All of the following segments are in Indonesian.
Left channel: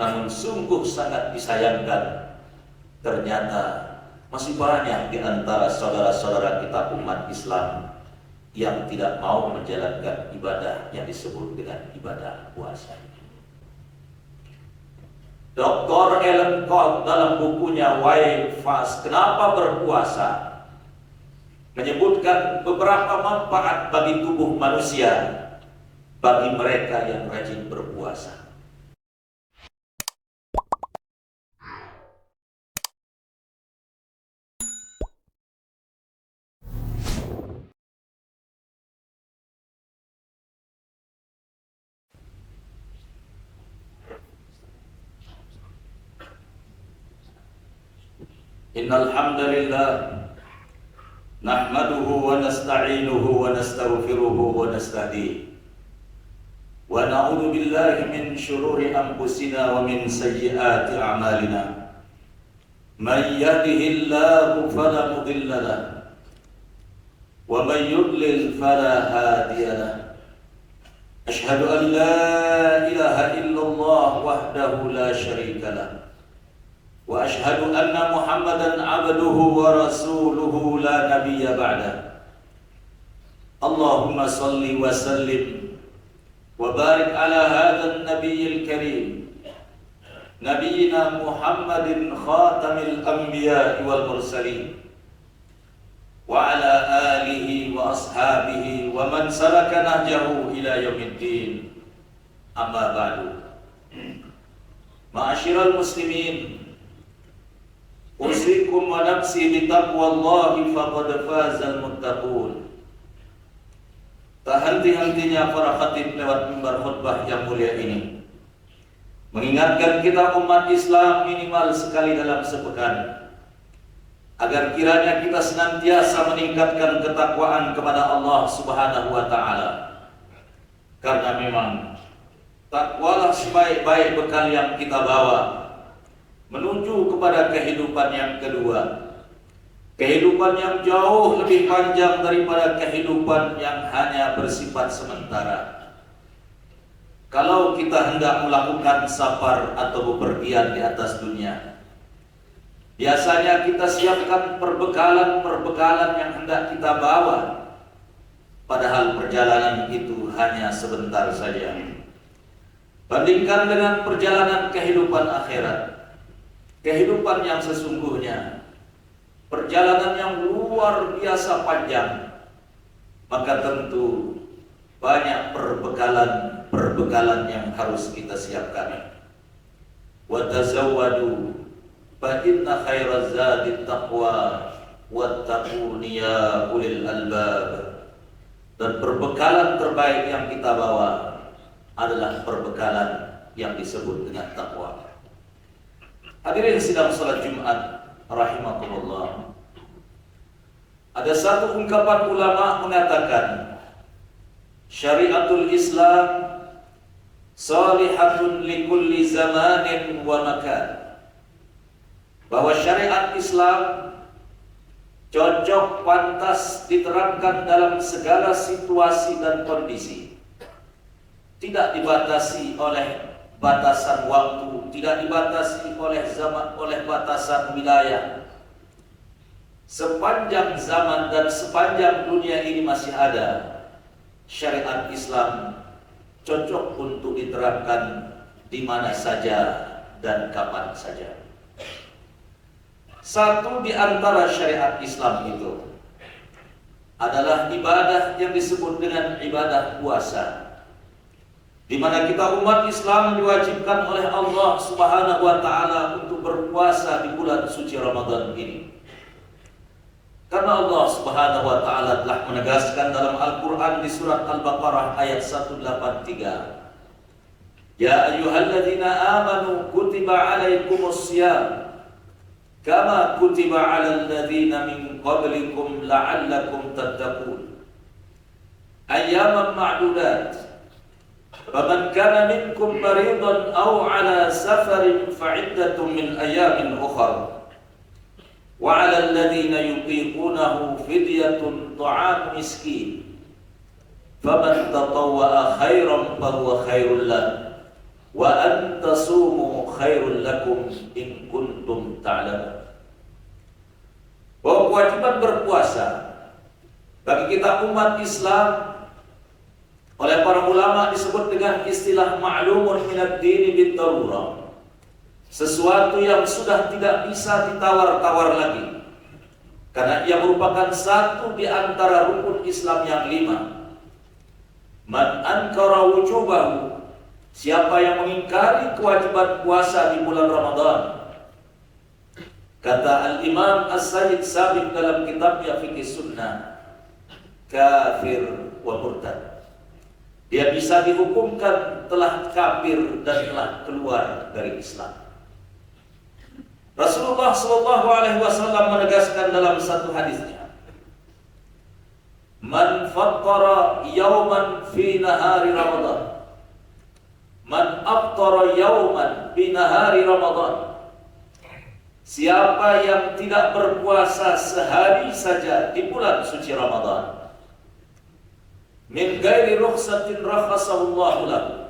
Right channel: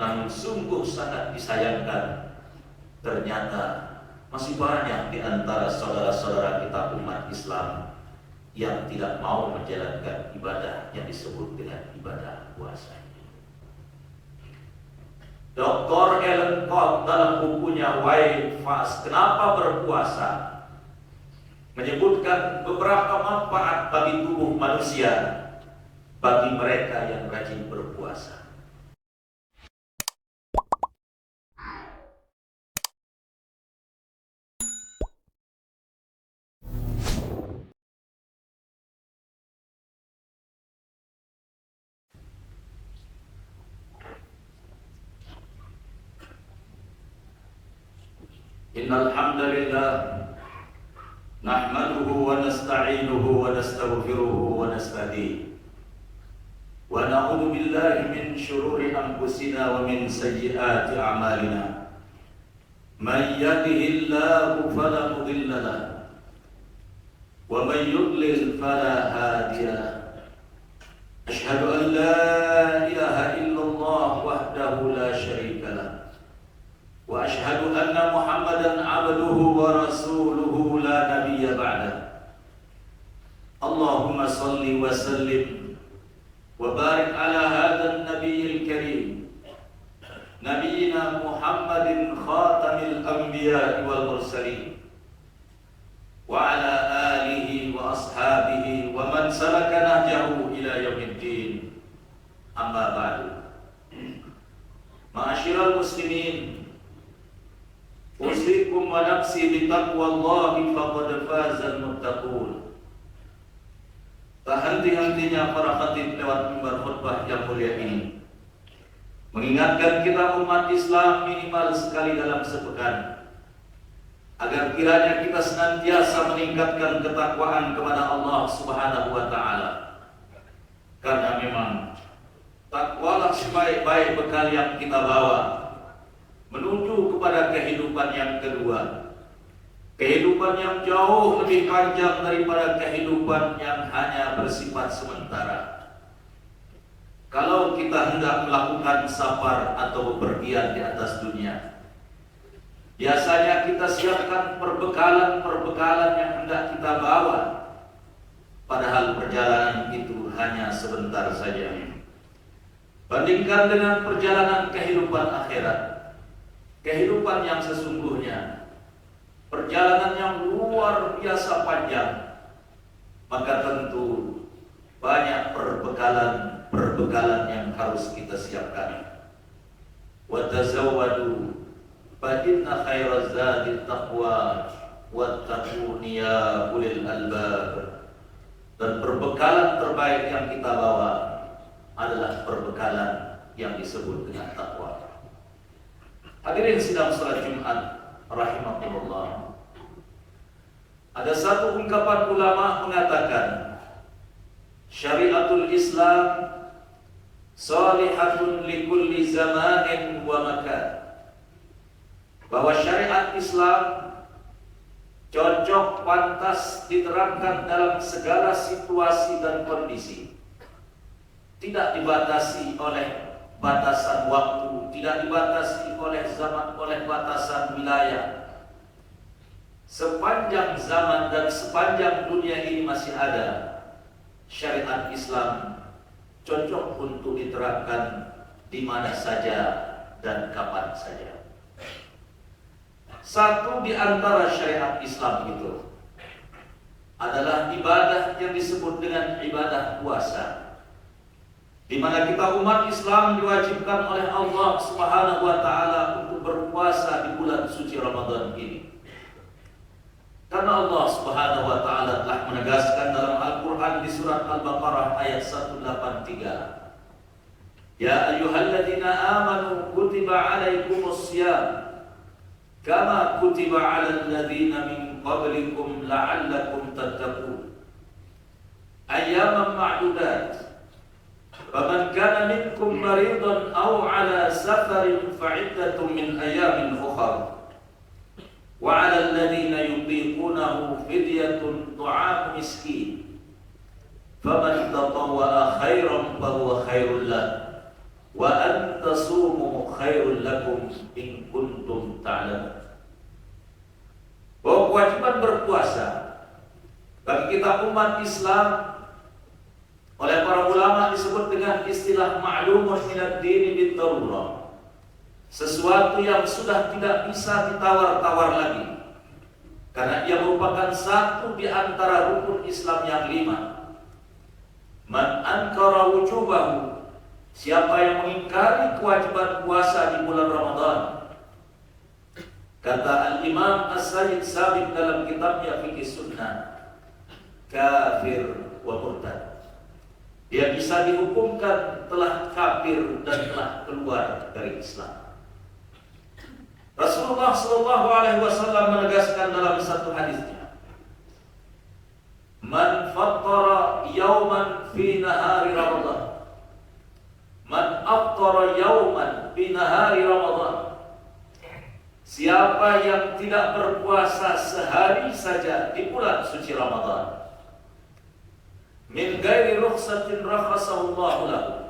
Namun sungguh sangat disayangkan, ternyata masih banyak di antara saudara-saudara kita umat Islam yang tidak mau menjalankan ibadah yang disebut dengan ibadah puasa. Dr. Ellen Koch dalam bukunya Why Fast, Kenapa Berpuasa, menyebutkan beberapa manfaat bagi tubuh manusia bagi mereka yang rajin berpuasa. Innal hamdalillah nahmaduhu wa nasta'inuhu wa nastaghfiruhu wa nastahdihi wa na'udzu billahi min shururi anfusina wa min sayyiati a'malina. Man yahdihillahu fala mudilla lahu wa man yudlil fala hadiya lahu. Ashhadu an la ilaha illallah wahdahu la syarika lahu wa ashhadu anna Muhammadan abduhu wa rasuluhu la nabiyya ba'dah. Allahumma salli wa sallim wa barik ala hadzal nabiyil karim nabiyyina Muhammadin khatamil anbiya'i wal mursalin wa ala alihi wa ashabihi wa man salaka nahjahu ila yaumiddin. Amma ba'du. Ma'asyiral muslimin, usikum wa nafsi bitaqwallahi faqad fazal muttaqun. Tak henti-hentinya para khatib lewat mimbar khutbah yang mulia ini mengingatkan kita umat Islam minimal sekali dalam sepekan, agar kiranya kita senantiasa meningkatkan ketakwaan kepada Allah Subhanahu wa taala. Karena memang takwalah sebaik-baik bekal yang kita bawa menuju kepada kehidupan yang kedua, kehidupan yang jauh lebih panjang daripada kehidupan yang hanya bersifat sementara. Kalau kita hendak melakukan safar atau bepergian di atas dunia, biasanya kita siapkan perbekalan-perbekalan yang hendak kita bawa, padahal perjalanan itu hanya sebentar saja. Bandingkan dengan perjalanan kehidupan akhirat, kehidupan yang sesungguhnya, perjalanan yang luar biasa panjang, maka tentu banyak perbekalan yang harus kita siapkan. Wa tazawwadu fa inna khairaz zadi taqwa wattaquni ya ulil albab. Dan perbekalan terbaik yang kita bawa adalah perbekalan yang disebut dengan takwa. Hadirin sidang salat Jumat rahimakumullah. Ada satu ungkapan ulama mengatakan, syariatul Islam salihatun likulli zamanin wa makan. Bahwa syariat Islam cocok, pantas diterapkan dalam segala situasi dan kondisi. Tidak dibatasi oleh batasan waktu, tidak dibatasi oleh zaman, oleh batasan wilayah. Sepanjang zaman dan sepanjang dunia ini masih ada, syariat Islam cocok untuk diterapkan di mana saja dan kapan saja. Satu di antara syariat Islam itu adalah ibadah yang disebut dengan ibadah puasa, di mana kita umat Islam diwajibkan oleh Allah Subhanahu wa taala untuk berpuasa di bulan suci Ramadan ini. Karena Allah Subhanahu wa taala telah menegaskan dalam Al-Qur'an di surat Al-Baqarah ayat 183, Ya ayyuhalladzina amanu kutiba alaikumus shiyam kama kutiba 'alal ladzina min qablikum la'allakum tattaqun. Ayyaman ma'dudat. Faman kana minkum maridan aw 'ala safarin fa'iddatun min ayyamin ukhra. Wa 'alal ladzina yutiqunahu fidyatun ta'am miskin. Faman tatawwa'a khairan fahuwa khairul lahu wa an tasumu khairul lakum in kuntum ta'lamun. Bahwa kewajiban berpuasa bagi kita umat Islam oleh para ulama disebut dengan istilah ma'lumun minad dini bid-darurah. Sesuatu yang sudah tidak bisa ditawar-tawar lagi, karena ia merupakan satu di antara rukun Islam yang 5. Man ankara wujubahu, siapa yang mengingkari kewajiban puasa di bulan Ramadan, kata Al-Imam As-Sayyid Sabiq dalam kitabnya Fiqh Sunnah, kafir wa murtad. Dia bisa dihukumkan telah kafir dan telah keluar dari Islam. Rasulullah SAW menegaskan dalam satu hadisnya, man fattara yawman fi nahari Ramadan, man aftara yawman fi nahari Ramadan, siapa yang tidak berpuasa sehari saja di bulan suci Ramadan, min ghairi rukhsatin rakhasallahu lahu,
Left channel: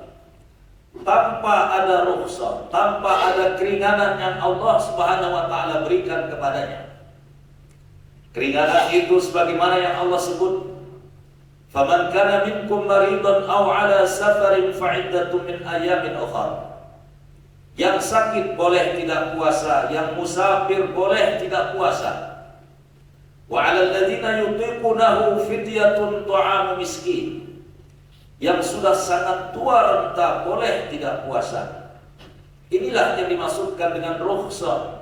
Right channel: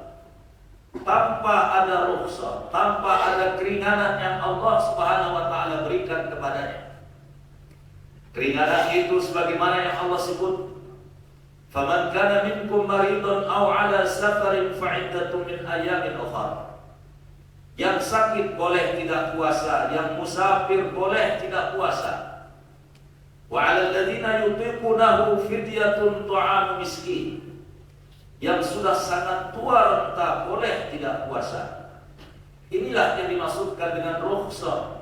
tanpa ada rukhsah, tanpa ada keringanan yang Allah Subhanahu wa taala berikan kepadanya. Keringanan itu sebagaimana yang Allah sebut, faman kana minkum maridan aw ala safarin fa iddatun min ayamin ukhra. Yang sakit boleh tidak puasa, yang musafir boleh tidak puasa. Wa 'alal ladzina yutiqunahu fidyatun ta'amu miskin. Yang sudah sangat tua renta boleh tidak puasa. Inilah yang dimaksudkan dengan rukhsah,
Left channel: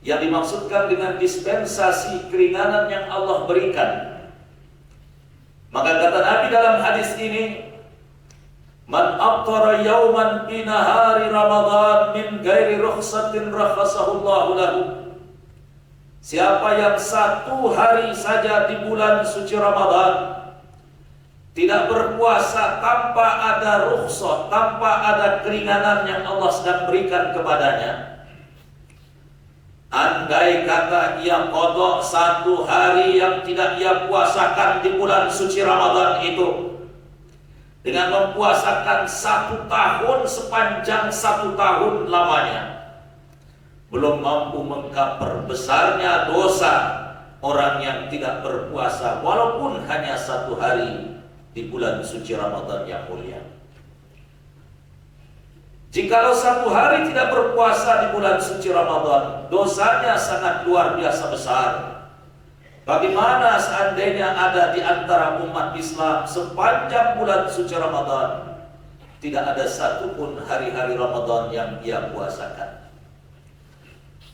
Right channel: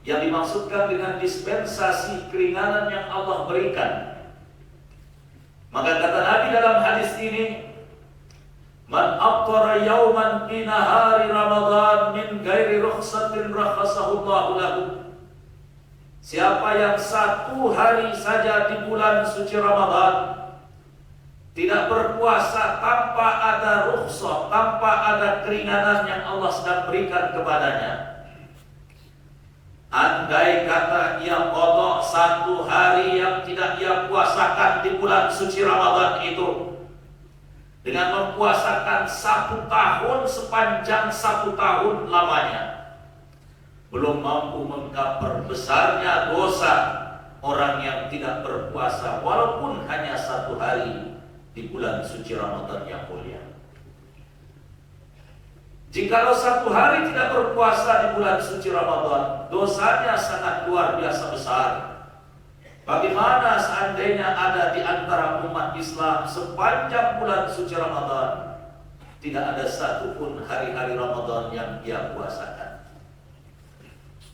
yang dimaksudkan dengan dispensasi keringanan yang Allah berikan. Maka kata Nabi dalam hadis ini, man aftara yawman fi nahari Ramadan min ghairi rukhsatin rakhasahu lahu. Siapa yang satu hari saja di bulan suci Ramadan tidak berpuasa tanpa ada rukhsah, tanpa ada keringanan yang Allah sedang berikan kepadanya, andai kata ia qada satu hari yang tidak ia puasakan di bulan suci Ramadan itu, dengan mempuasakan 1 tahun sepanjang 1 tahun lamanya, belum mampu mengcover besarnya dosa orang yang tidak berpuasa walaupun hanya 1 hari di bulan suci Ramadan yang mulia. Jikalau 1 hari tidak berpuasa di bulan suci Ramadan, dosanya sangat luar biasa besar. Bagaimana seandainya ada di antara umat Islam sepanjang bulan suci Ramadan tidak ada satupun hari-hari Ramadan yang ia puasakan?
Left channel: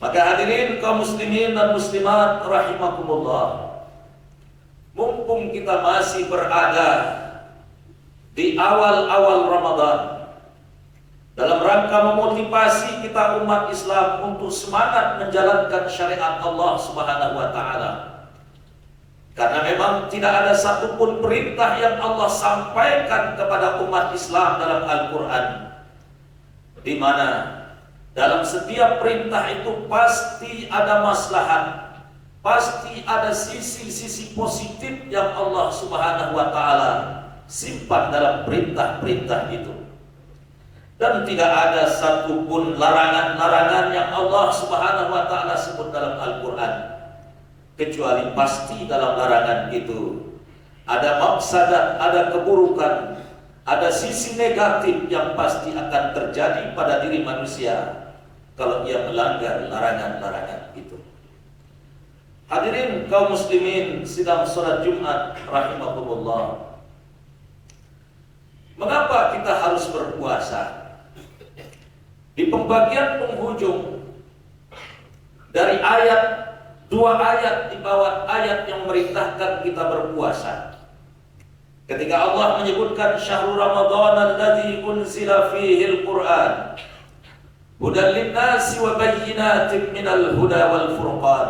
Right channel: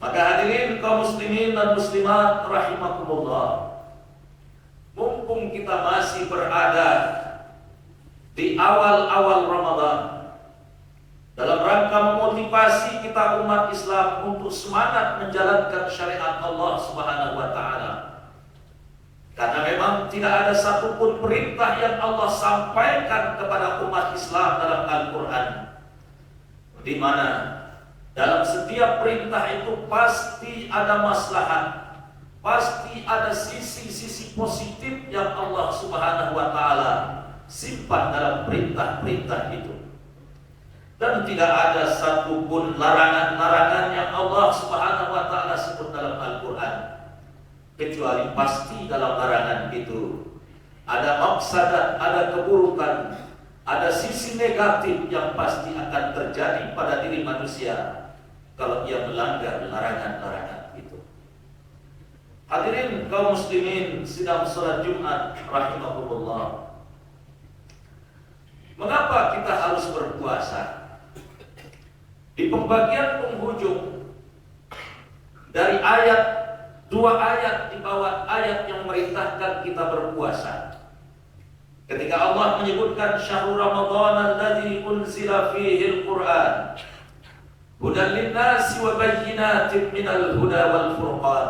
Maka hadirin kaum muslimin dan muslimat rahimakumullah, mumpung kita masih berada di awal-awal Ramadan, dalam rangka memotivasi kita umat Islam untuk semangat menjalankan syariat Allah Subhanahu wa taala. Karena memang tidak ada satupun perintah yang Allah sampaikan kepada umat Islam dalam Al-Quran di mana dalam setiap perintah itu pasti ada maslahat, pasti ada sisi-sisi positif yang Allah Subhanahu wa taala simpan dalam perintah-perintah itu. Dan tidak ada satupun larangan-larangan yang Allah Subhanahu wa taala sebut dalam Al-Qur'an, kecuali pasti dalam larangan itu ada mafsadat, ada keburukan, ada sisi negatif yang pasti akan terjadi pada diri manusia kalau ia melanggar larangan-larangan itu. Hadirin kaum muslimin sidang salat Jumat rahimakumullah, mengapa kita harus berpuasa? Di pembagian penghujung dari dua ayat di bawah ayat yang memerintahkan kita berpuasa, ketika Allah menyebutkan syahrul Ramadan alladzi unzila fihi al-Qur'an hudan lin-nasi wa bayyinatin minal huda wal furqan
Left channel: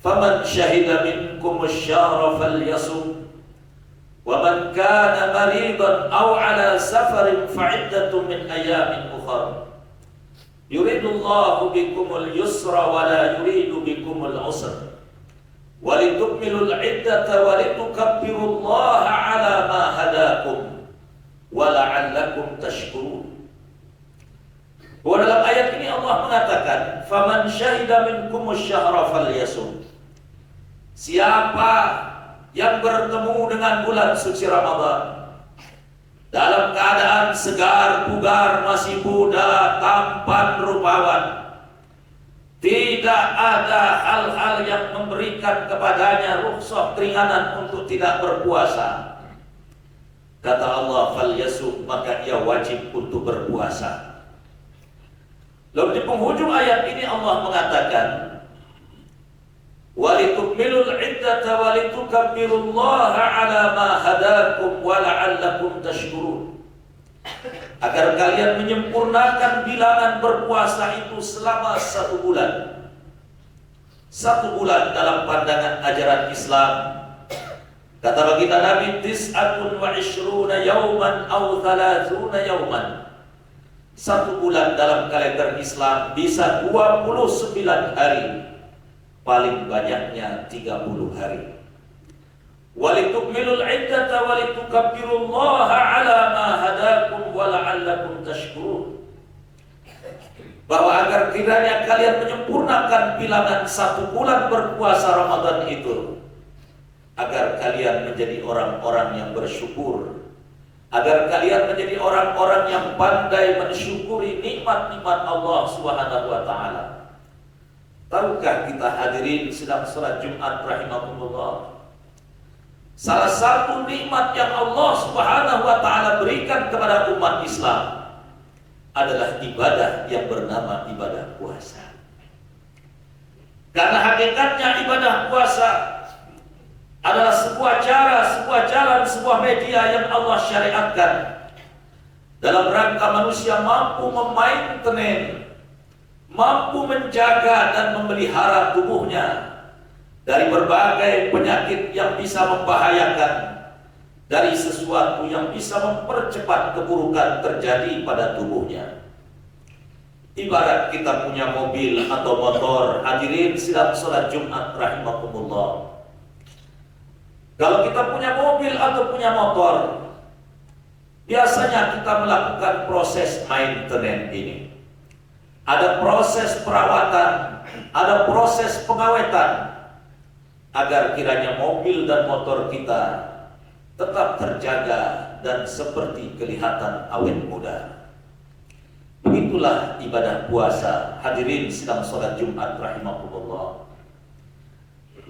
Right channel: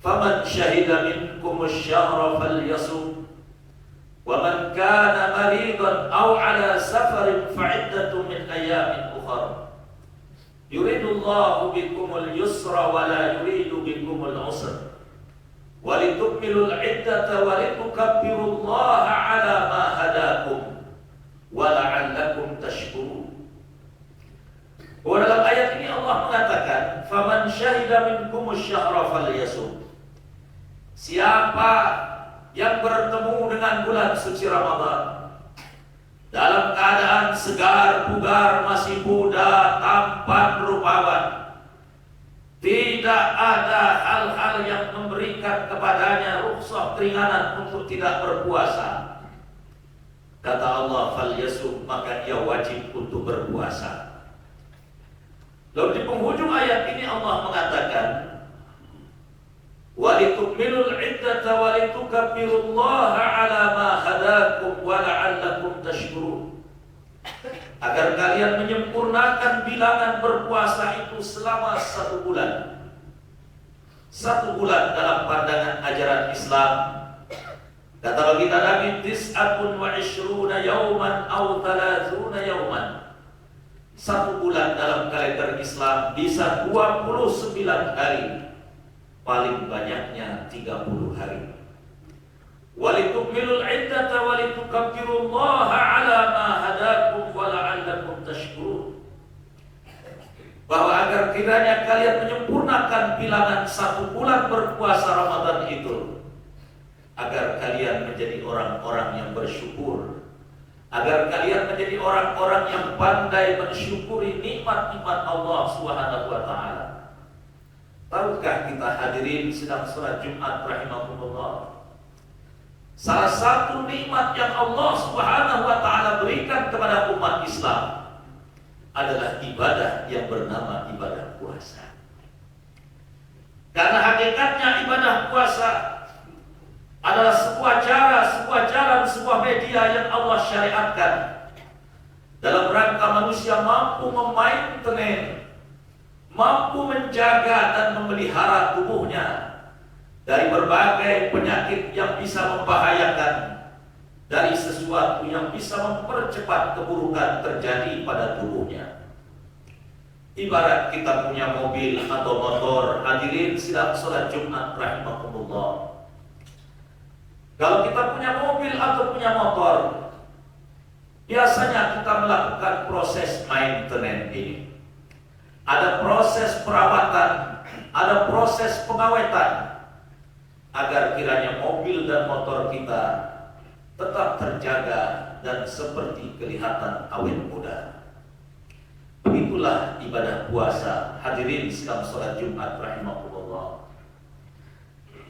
faman syahida minkum asy-syahra falyasum wa man kana maridan aw ala safarin fa'iddatun min ayamin ukhra yuridullahu bikumul yusra wa la yuridu bikumul usra wa litukmilul iddata wa litukabbirullaha ala ma hadakum wa la'allakum tashkurun. Bahwa dalam ayat ini Allah mengatakan, "Faman syahida minkumus syahra falyasum." Siapa yang bertemu dengan bulan suci Ramadan dalam keadaan segar, bugar, masih muda, tampan, rupawan, tidak ada hal-hal yang memberikan kepadanya rukhsah keringanan untuk tidak berpuasa, kata Allah, falyasum, maka ia wajib untuk berpuasa. Lalu di penghujung ayat ini Allah mengatakan, walitukmilul iddata walitukabbirullaha ala ma hadakum wa la'allakum tashkurun. Agar kalian menyempurnakan bilangan berpuasa itu selama 1 bulan. 1 bulan dalam pandangan ajaran Islam, kata baginda Nabi, tis'atun wa ishruna yawman aw 30 yawman. 1 bulan dalam kalender Islam bisa 29 hari, paling banyaknya 30 hari. Walitukmilul iddata walitukabbirullaha ala ma hadakum wa la'allakum tashkurun. Bahwa agar kiranya kalian menyempurnakan bilangan 1 bulan berpuasa Ramadan itu, agar kalian menjadi orang-orang yang bersyukur, agar kalian menjadi orang-orang yang pandai mensyukuri nikmat-nikmat Allah Subhanahu wa taala. Tahukah kita hadirin sedang salat Jumat rahimakumullah, salah satu nikmat yang Allah Subhanahu wa taala berikan kepada umat Islam adalah ibadah yang bernama ibadah puasa. Karena hakikatnya ibadah puasa adalah sebuah cara, sebuah jalan, sebuah media yang Allah syariatkan dalam rangka manusia mampu memainten, mampu menjaga dan memelihara tubuhnya dari berbagai penyakit yang bisa membahayakan, dari sesuatu yang bisa mempercepat keburukan terjadi pada tubuhnya. Ibarat kita punya mobil atau motor, hadirin sidang salat Jumat rahimakumullah. Kalau kita punya mobil atau punya motor, biasanya kita melakukan proses maintenance ini. Ada proses perawatan, ada proses pengawetan, agar kiranya mobil dan motor kita tetap terjaga dan seperti kelihatan awet muda. Begitulah ibadah puasa, hadirin sidang salat Jumat rahimakumullah.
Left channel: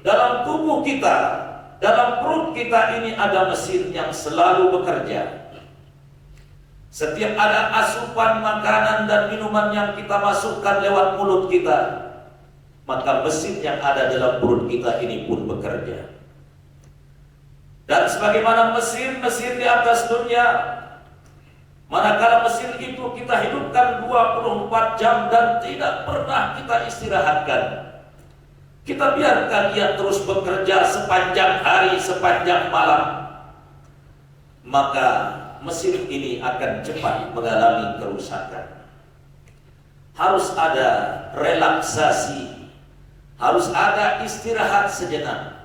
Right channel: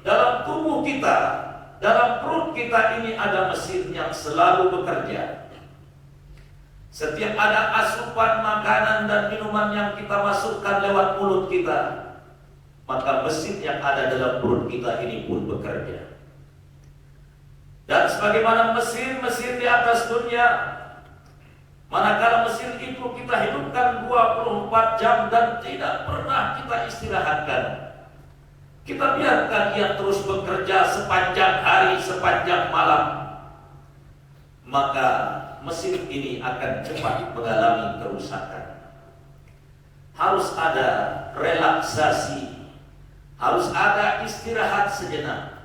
Dalam tubuh kita, dalam perut kita ini ada mesin yang selalu bekerja. Setiap ada asupan makanan dan minuman yang kita masukkan lewat mulut kita, maka mesin yang ada dalam perut kita ini pun bekerja. Dan sebagaimana mesin-mesin di atas dunia, manakala mesin itu kita hidupkan 24 jam dan tidak pernah kita istirahatkan, kita biarkan ia terus bekerja sepanjang hari, sepanjang malam, maka mesin ini akan cepat mengalami kerusakan. Harus ada relaksasi, harus ada istirahat sejenak,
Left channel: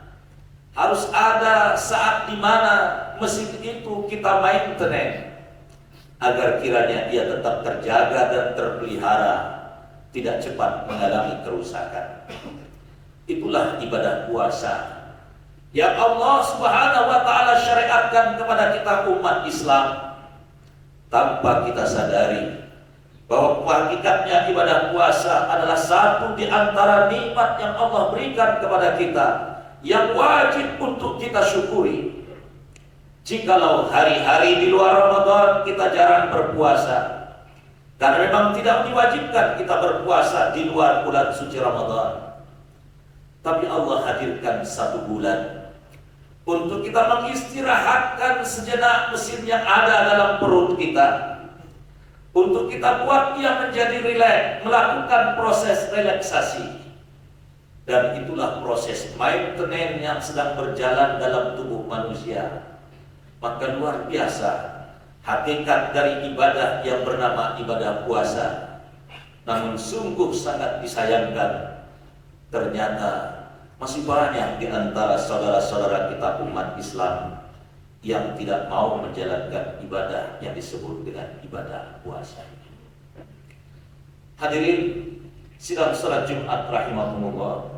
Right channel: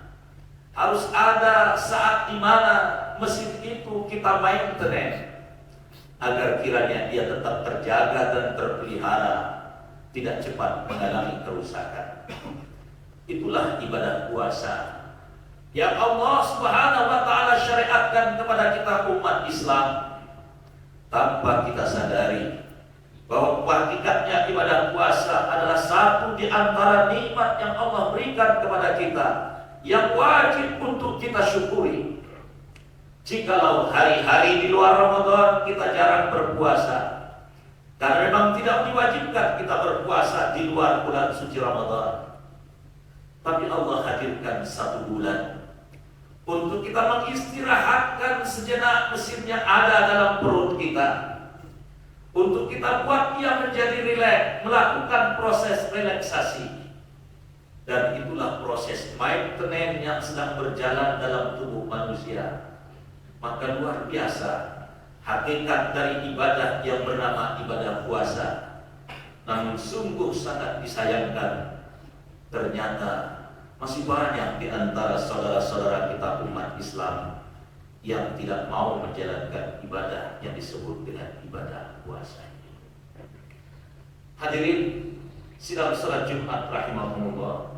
harus ada saat di mana mesin itu kita maintenance, agar kiranya ia tetap terjaga dan terpelihara, tidak cepat mengalami kerusakan. Itulah ibadah puasa yang Allah Subhanahu wa taala syariatkan kepada kita umat Islam, tanpa kita sadari bahwa hakikatnya ibadah puasa adalah satu di antara nikmat yang Allah berikan kepada kita yang wajib untuk kita syukuri. Jikalau hari-hari di luar Ramadan kita jarang berpuasa, karena memang tidak diwajibkan kita berpuasa di luar bulan suci Ramadan, tapi Allah hadirkan 1 bulan untuk kita mengistirahatkan sejenak mesin yang ada dalam perut kita, untuk kita buat ia menjadi rileks, melakukan proses relaksasi. Dan itulah proses maintenance yang sedang berjalan dalam tubuh manusia. Maka luar biasa hakikat dari ibadah yang bernama ibadah puasa. Namun sungguh sangat disayangkan, ternyata masih banyak di antara saudara-saudara kita umat Islam yang tidak mau menjalankan ibadah yang disebut dengan ibadah puasa. Hadirin sidang salat Jumat rahimahumullah,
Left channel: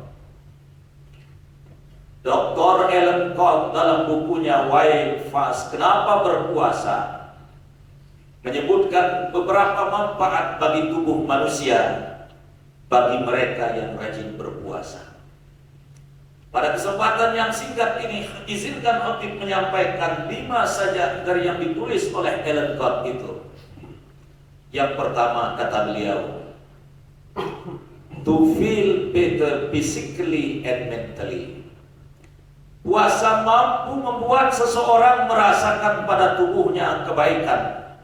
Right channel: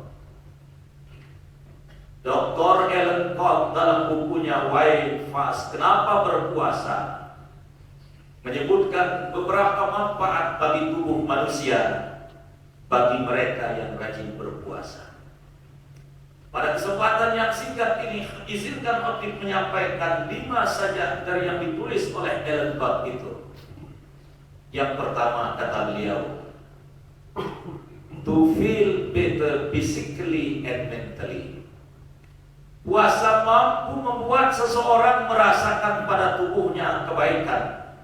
Dr. Ellen Cobb dalam bukunya Why Fast, Kenapa Berpuasa, menyebutkan beberapa manfaat bagi tubuh manusia bagi mereka yang rajin berpuasa. Pada kesempatan yang singkat ini, izinkan Khotib menyampaikan 5 saja dari yang ditulis oleh Ellen Cobb itu. Yang pertama, kata beliau, to feel better physically and mentally. Puasa mampu membuat seseorang merasakan pada tubuhnya kebaikan,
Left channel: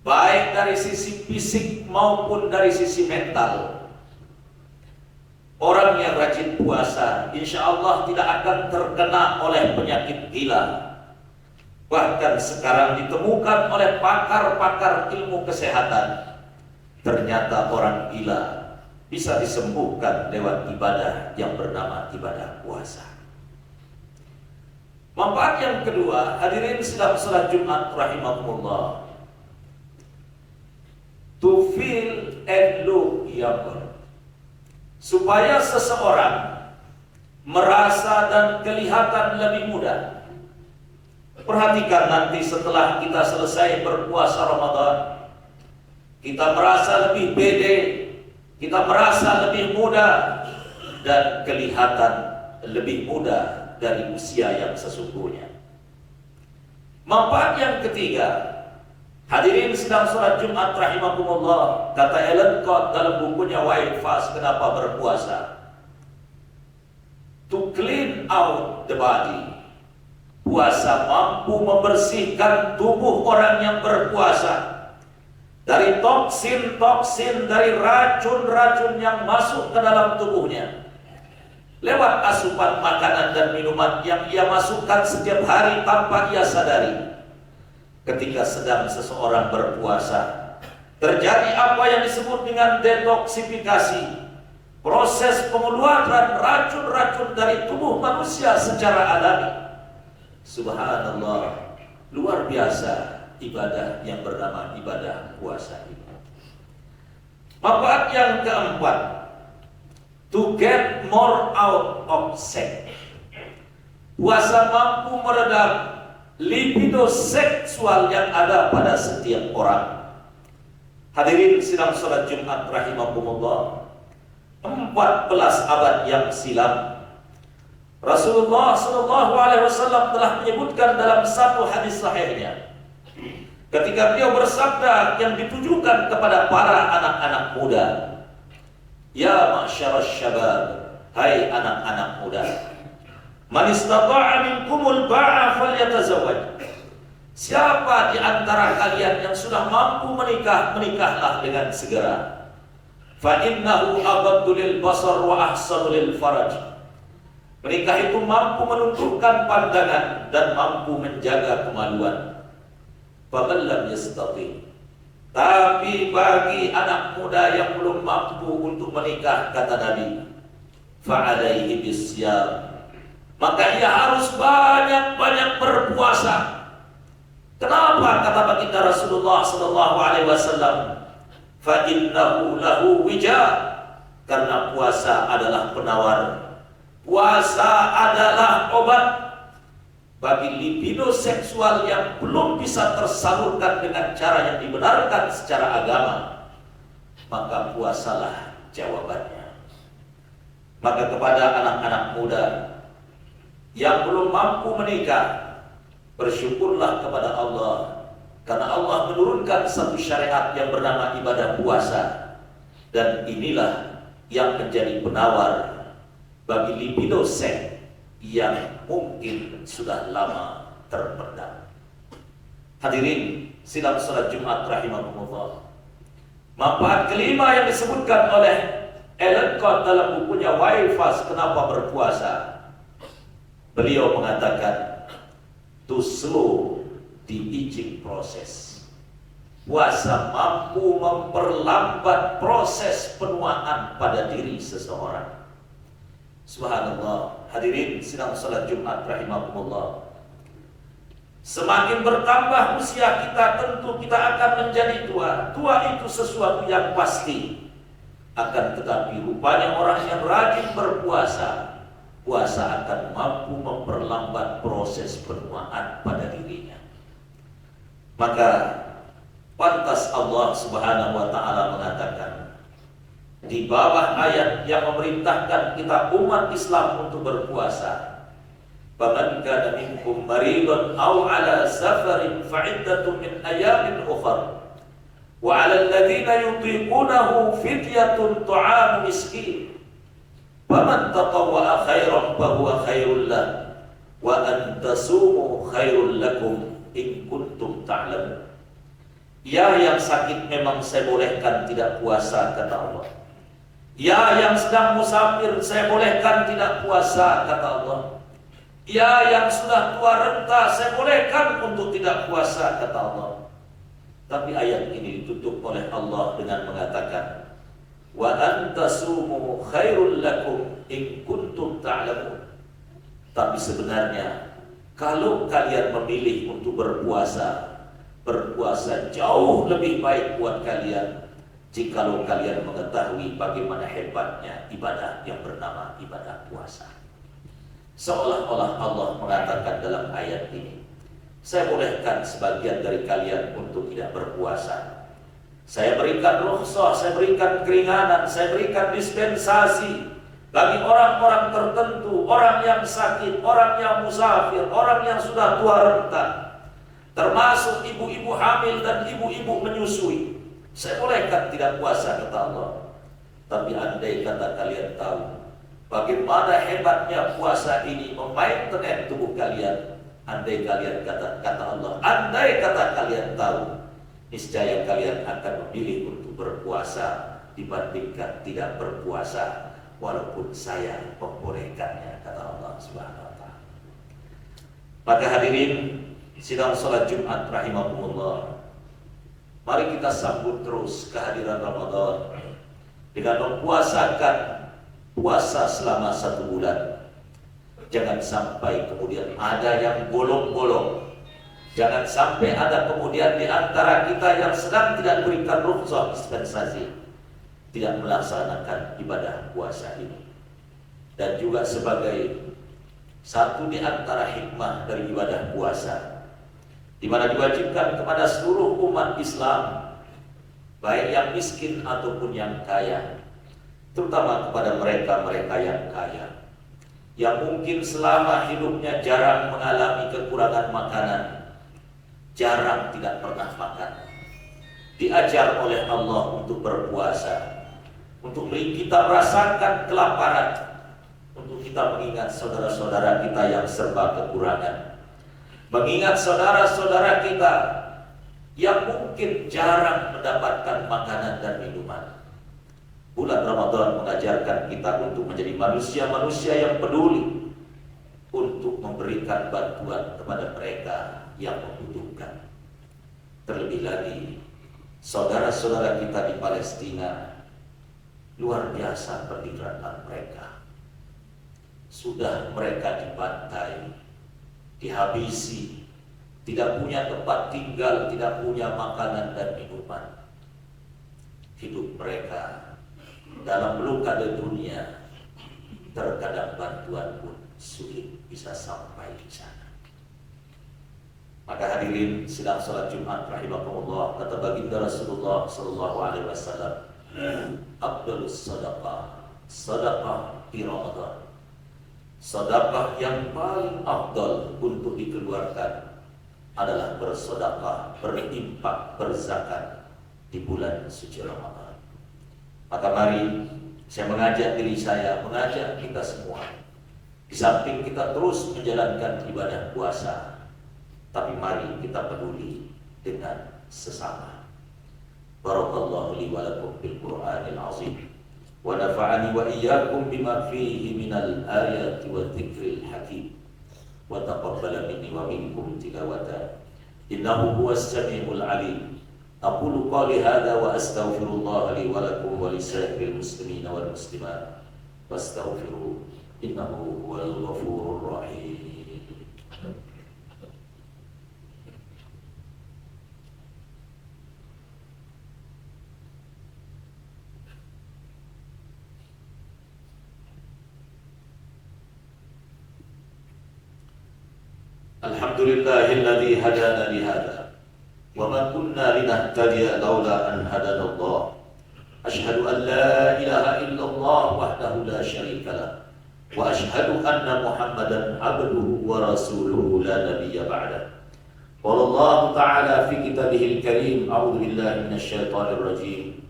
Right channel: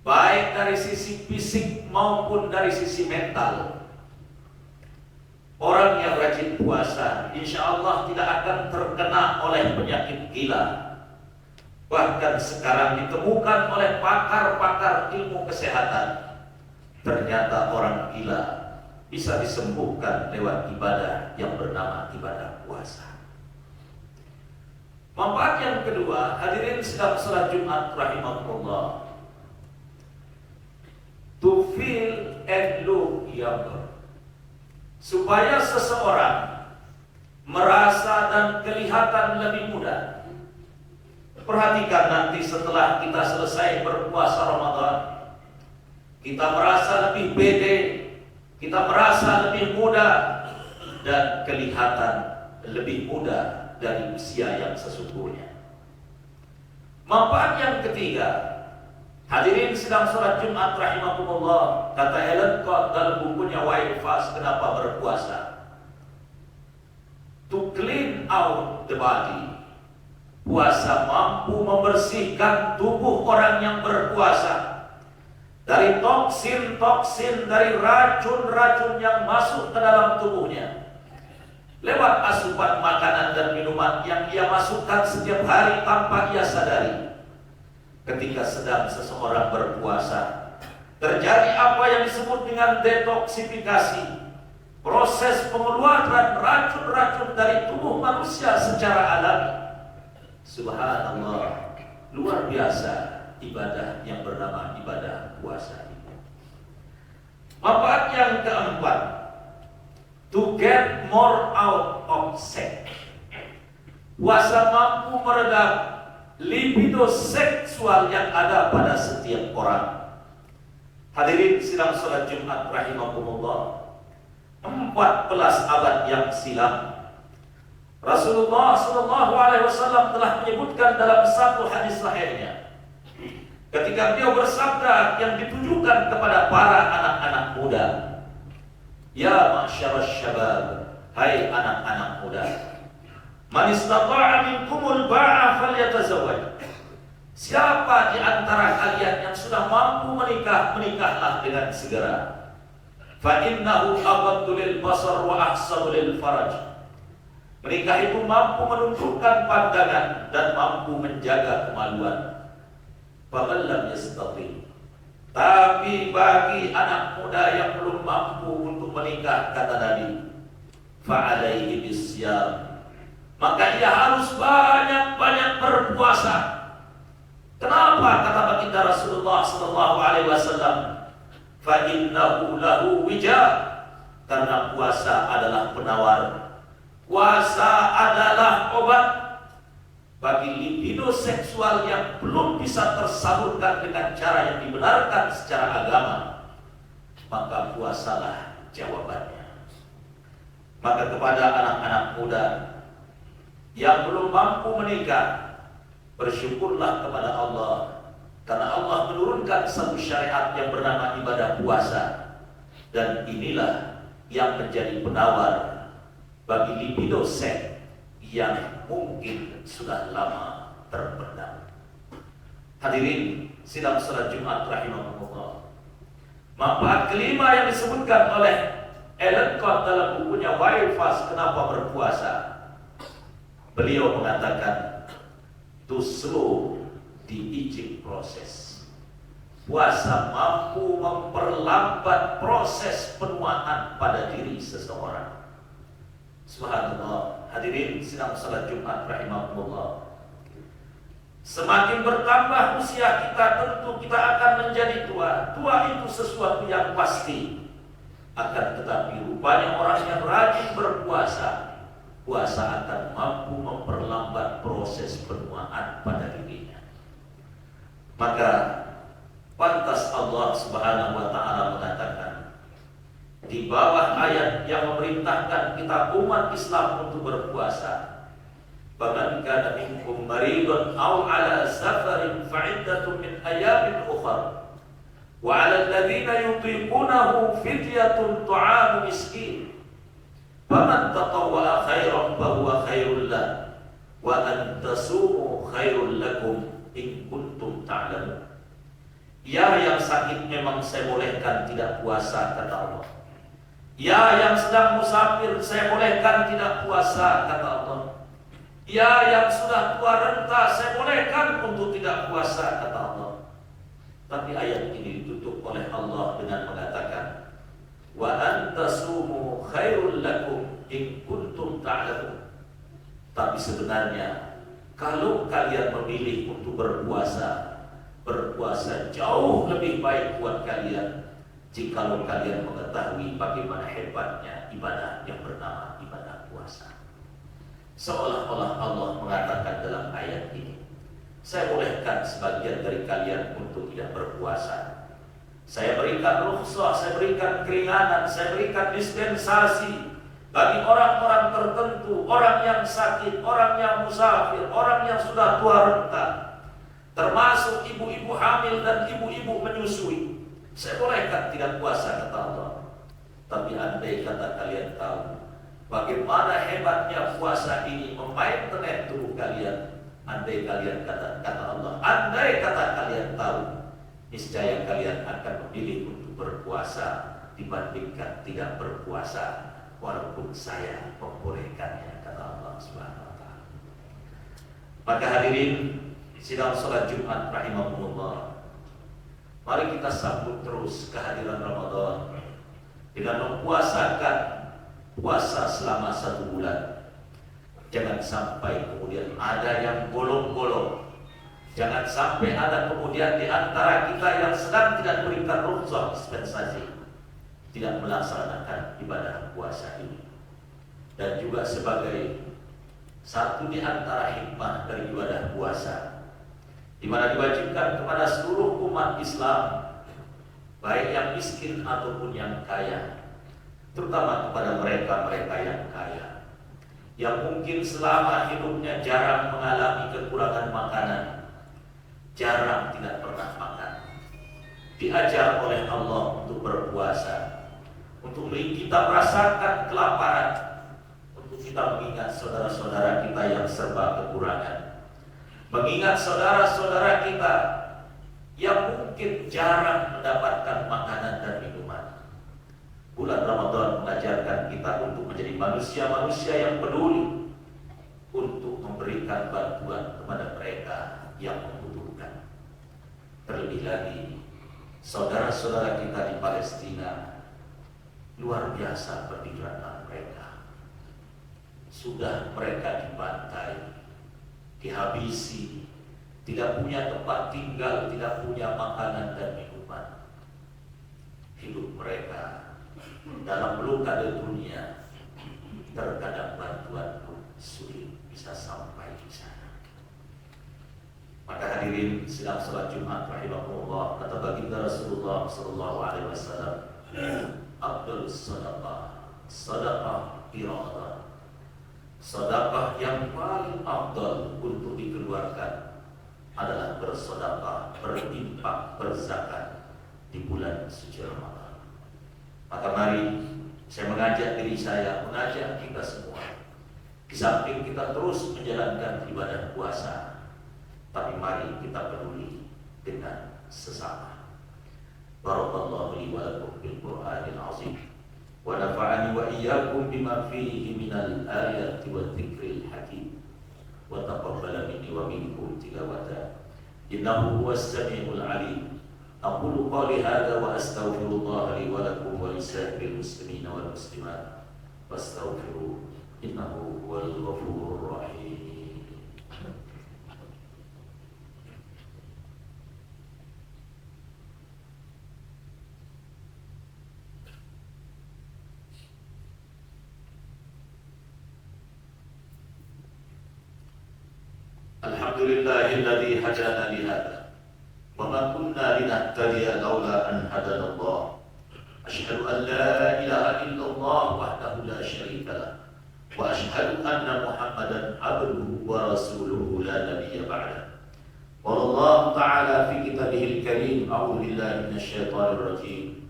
baik dari sisi fisik maupun dari sisi mental. Orang yang rajin puasa, insya Allah tidak akan terkena oleh penyakit gila. Bahkan sekarang ditemukan oleh pakar-pakar ilmu kesehatan, ternyata orang gila bisa disembuhkan lewat ibadah yang bernama ibadah puasa. Manfaat yang kedua, hadirin sedang salat Jumat rahimahumullah, to feel and look younger. Supaya seseorang merasa dan kelihatan lebih muda. Perhatikan nanti setelah kita selesai berpuasa Ramadan, kita merasa lebih pede, kita merasa lebih muda, dan kelihatan lebih muda dari usia yang sesungguhnya. Manfaat yang ketiga, hadirin sedang salat Jumat rahimahumullah, kata Ellen Cobb dalam bukunya Why Fast, Kenapa Berpuasa, to clean out the body. Puasa mampu membersihkan tubuh orang yang berpuasa dari toksin-toksin, dari racun-racun yang masuk ke dalam tubuhnya lewat asupan makanan dan minuman yang ia masukkan setiap hari tanpa ia sadari. Ketika sedang seseorang berpuasa, terjadi apa yang disebut dengan detoksifikasi, proses pengeluaran racun-racun dari tubuh manusia secara alami. Subhanallah, luar biasa ibadah yang bernama ibadah puasa itu. Manfaat yang keempat, to get more out of sex. Puasa mampu meredam libido seksual yang ada pada setiap orang. Hadirin sidang salat Jumat rahimahumullah, 14 abad yang silam Rasulullah SAW telah menyebutkan dalam satu hadis sahihnya, ketika beliau bersabda yang ditujukan kepada para anak-anak muda, ya ma'syaras syabab, hai anak-anak muda, man istata'a minkumul ba'a falyatazawwaj. Siapa di antara kalian yang sudah mampu menikah, menikahlah dengan segera. Fa innahu aghaddu lil basar wa ahsanu lil faraj. Menikah itu mampu menundukkan pandangan dan mampu menjaga kemaluan. Fa man lam yastati. Tapi bagi anak muda yang belum mampu untuk menikah, kata Nabi, fa alaihi bisyam, maka ia harus banyak-banyak berpuasa. Kenapa? Kata baginda Rasulullah SAW, fa innahu lahu wija, karena puasa adalah penawar, puasa adalah obat bagi libido seksual yang belum bisa tersalurkan dengan cara yang dibenarkan secara agama. Maka puasalah jawabannya. Maka kepada anak-anak muda yang belum mampu menikah, bersyukurlah kepada Allah, karena Allah menurunkan satu syariat yang bernama ibadah puasa, dan inilah yang menjadi penawar bagi libido seks yang mungkin sudah lama terpendam. Hadirin sidang salat Jumat rahimahumullah, manfaat kelima yang disebutkan oleh Ellen Cobb dalam bukunya Why Fast, Kenapa Berpuasa, beliau mengatakan to slow the aging process. Puasa mampu memperlambat proses penuaan pada diri seseorang. Subhanallah, hadirin sidang salat Jumat rahimahumullah, Semakin bertambah usia kita, tentu kita akan menjadi tua. Tua itu sesuatu yang pasti. Akan tetapi rupanya orang yang rajin berpuasa, puasa akan mampu memperlambat proses penuaan pada dirinya. Maka pantas Allah Subhanahu wa taala mengatakan di bawah ayat yang memerintahkan kita umat Islam untuk berpuasa, "Faman kana minkum maridun aw 'ala safarin fa'iddatun min ayamin ukhra wa 'ala alladziina yutiqunahu fidyatun ta'amu miskin faman tatawwa'a khairan fa huwa khairul lahu wa an tasumu khairul lakum in kuntum ta'lamun." Ya, yang sakit memang saya bolehkan tidak puasa, kata Allah. Ya, yang sedang musafir saya bolehkan tidak puasa, kata Allah. Ya, yang sudah tua renta saya bolehkan untuk tidak puasa, kata Allah. Tapi ayat ini ditutup oleh Allah dengan mengatakan, wa antasumu khairul lakum in kuntum ta'lamun. Tapi sebenarnya kalau kalian memilih untuk berpuasa jauh lebih baik buat kalian jikalau kalian mengetahui bagaimana hebatnya ibadah yang bernama ibadah puasa. Seolah-olah Allah mengatakan dalam ayat ini, saya bolehkan sebagian dari kalian untuk tidak berpuasa. Saya berikan rukhsah, saya berikan keringanan, saya berikan dispensasi bagi orang-orang tertentu, orang yang sakit, orang yang musafir, orang yang sudah tua renta, termasuk ibu-ibu hamil dan ibu-ibu menyusui. Saya bolehkan tidak puasa, kata Allah. Tapi andai kata kalian tahu bagaimana hebatnya puasa ini memainten tubuh kalian, andai kalian kata Allah, andai kata kalian tahu, niscaya kalian akan memilih untuk berpuasa dibandingkan tidak berpuasa, walaupun saya membolehkannya, kata Allah Subhanahu wa taala. Maka hadirin sidang salat Jumat rahimahumullah, mari kita sambut terus kehadiran Ramadan dengan mempuasakan puasa selama 1 bulan. Jangan sampai kemudian ada yang bolong-bolong. Jangan sampai ada kemudian di antara kita yang sedang tidak diberikan rukhsah dispensasi tidak melaksanakan ibadah puasa ini. Dan juga sebagai satu di antara hikmah dari ibadah puasa, di mana diwajibkan kepada seluruh umat Islam, baik yang miskin ataupun yang kaya, terutama kepada mereka-mereka yang kaya, yang mungkin selama hidupnya jarang mengalami kekurangan makanan, jarang tidak pernah makan, diajar oleh Allah untuk berpuasa, untuk kita merasakan kelaparan, untuk kita mengingat saudara-saudara kita yang serba kekurangan, mengingat saudara-saudara kita yang mungkin jarang mendapatkan makanan dan minuman. Bulan Ramadan mengajarkan kita untuk menjadi manusia-manusia yang peduli, untuk memberikan bantuan kepada mereka yang membutuhkan. Terlebih lagi saudara-saudara kita di Palestina, luar biasa perjuangan mereka. Sudah mereka dibantai, dihabisi, tidak punya tempat tinggal, tidak punya makanan dan minuman. Hidup mereka dalam blokade dunia, terkadang bantuan pun sulit bisa sampai di sana. Maka hadirin sidang salat Jumat rahimahullah, kata baginda Rasulullah sallallahu alaihi wasallam, afdhalus sadaqah sadaqah iradah. Sedekah yang paling afdal untuk dikeluarkan adalah bersedekah, berinfak, berzakat di bulan suci Ramadan. Maka mari saya mengajak diri saya, mengajak kita semua, di samping kita terus menjalankan ibadah puasa, tapi mari kita peduli dengan sesama. Barakallahu li wa lakum bil Qur'anil azim. ونفعني وإياكم بما فيه من الآيات والذكر الحكيم وتقبل مني ومنكم تلاوته إنه هو السميع العليم. أقول قولي هذا وأستغفر الله لي ولكم ولسائر المسلمين والمسلمات فاستغفروه إنه هو الغفور الرحيم. Alhamdulillahilladzi hadana li hadza wa ma kunna linahtadiya laula an hadana Allah. Asyhadu an la ilaha illallah wahdahu la syarika lah wa asyhadu anna Muhammadan abduhu wa rasuluhu la nabiyya ba'dah. Qala Allah ta'ala fi kitabihil karim, a'udzu billahi minasyaitonir rajim.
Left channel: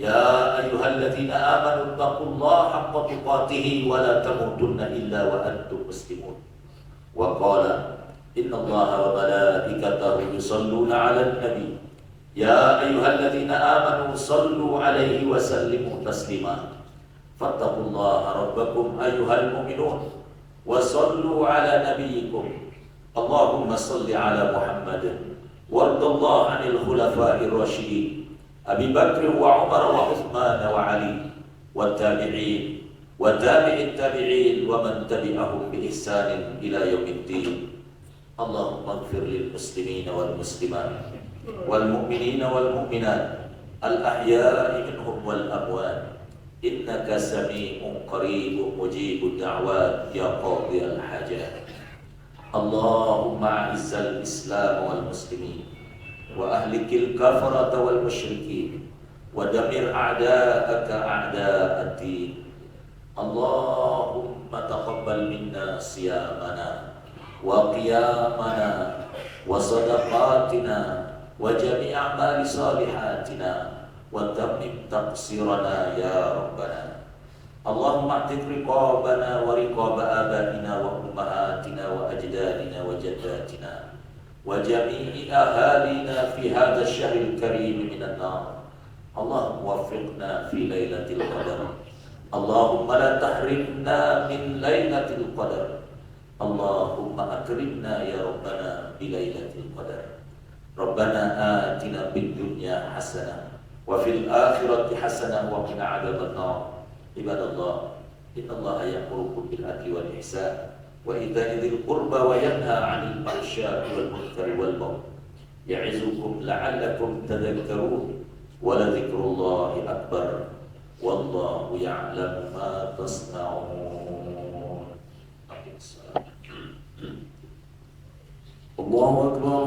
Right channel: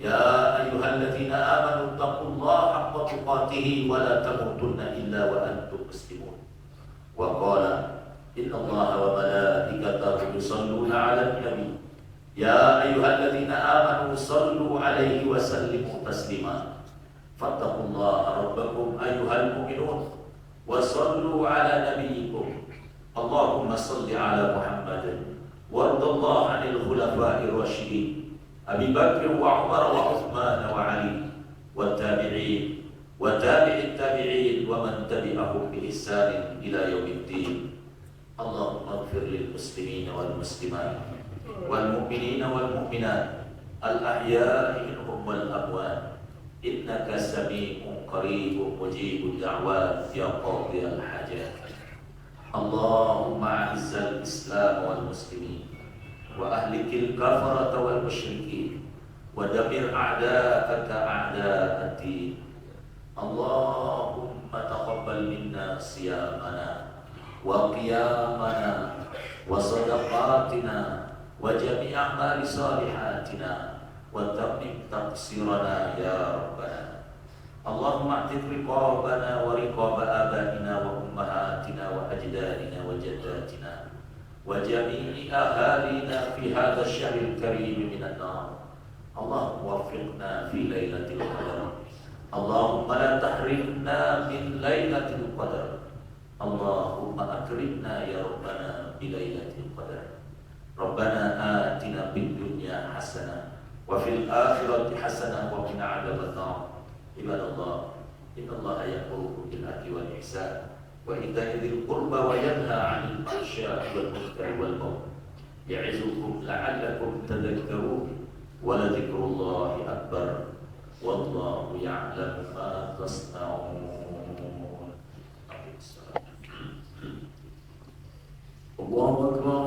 Ya ayyuhalladzina amanu taqullaha haqqa tuqatih wa la tamutunna illa wa antum muslimun. Wa qala innallaha wa malaikatahu yusholluna 'alan nabi. Ya ayyuhalladzina amanu shallu 'alaihi wa sallimu taslima. Fattaqullaha rabbakum ayyuhal mu'minun wa shallu 'ala nabiyyikum. Allahumma shalli 'ala Muhammadin warḍallahu 'anil khulafa'ir rasyidin Abi Bakr wa Umar wa Uthman wa Ali wa tabi'in wa tabi'it tabi'in wa man tabi'ahum bi ihsanin ila yaumiddin. Allahumma ighfir lil muslimin wal muslimat wal mu'minina wal mu'minat al ahya'i minhum wal amwat innaka sami'un qaribun mujibud da'wat ya qadiyal hajat. Allahumma a'izzal islam wal muslimin wa ahlikil kafarata wal musyrikin wa damir a'da'aka a'da'ad-din. Allahumma taqabbal minna siyamana wa qiyamana wa sadaqatina wa jami' a'mali salihatina wa tammim taqsirana ya rabbana. Allahumma a'tiq riqabana wa riqaba abaina wa ummahatina wa ajdadina wa jaddatina wa jami'i ahalina fi hadha asy-syahril karim minan nar. Allahumma waffiqna fi lailatul qadar. Allahumma la tahrimna min lailatul qadar. Allahumma akrimna ya rabbana bi lailatul qadar. Rabbana atina fid dunya hasanah wa fil akhirati hasanah wa qina adzaban nar. Ibadallah, innallaha ya'murukum bil adli wal ihsan wa ita'i dzil qurba wa yanha 'anil fahsya'i wal munkari wal baghi. Ya'izukum la'allakum tadhakkarun. Wa la dzikrullahi akbar. Wallahu ya'lamu ma tasna'un. Allahu akbar.